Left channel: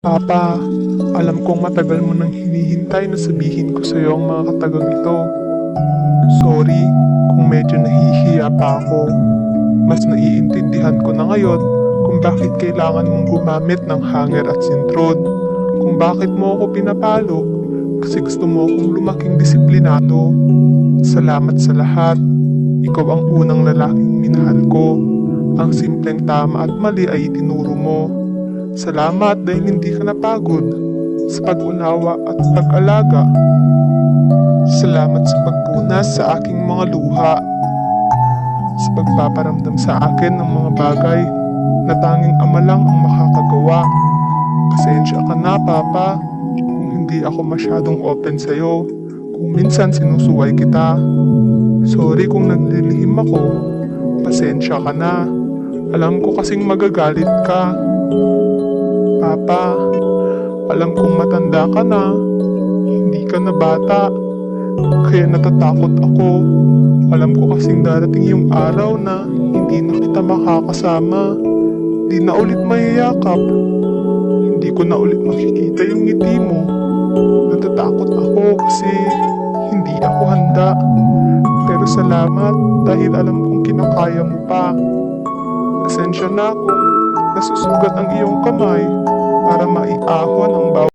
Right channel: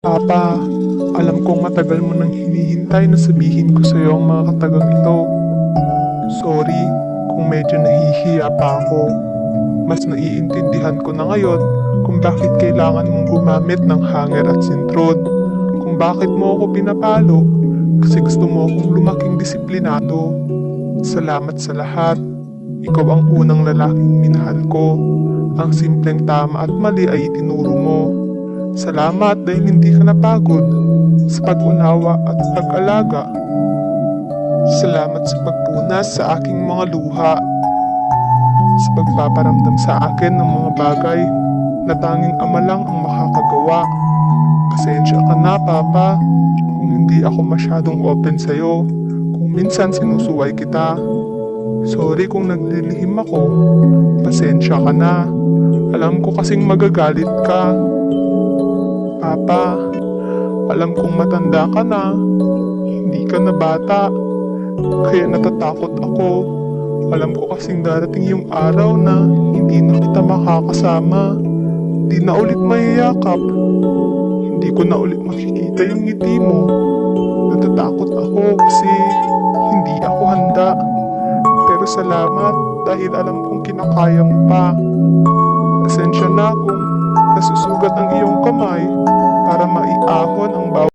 Papa, alam kong matagal mo nang hinihintay na sabihin ko sa iyo ang mga katagang ito. Sorry kung medyo nahihiya pa ako. Mas naiintindihan ko na ngayon kung bakit kailangan mong gumamit ng hanger at sintrod. Kung bakit mo ako pinapalo kasi gusto mo akong lumaking disiplinado. Salamat sa lahat. Ikaw ang unang lalaking minahal ko. Ang simpleng tama at mali ay itinuro mo. Salamat dahil hindi ka napagod sa pag-unawa at pag-alaga. Salamat sa pagpunas sa aking mga luha. Sa pagpaparamdam sa akin ng mga bagay na tanging ama lang ang makakagawa. Pasensya ka na, Papa, kung hindi ako masyadong open sa'yo. Kung minsan sinusuway kita. Sorry kung naglilihim ako. Pasensya ka na. Alam ko kasing magagalit ka. Papa, alam kong matanda ka na. Hindi ka na bata. Kaya natatakot ako. Alam ko kasing darating yung araw na hindi na kita makakasama. Hindi na ulit mayayakap. Hindi ko na ulit makikita yung ngiti mo. Natatakot ako kasi hindi ako handa. Pero salamat dahil alam kong kinakaya mo pa. Pasensya na kung nasusugat ang iyong kamay para maiahon ang bawat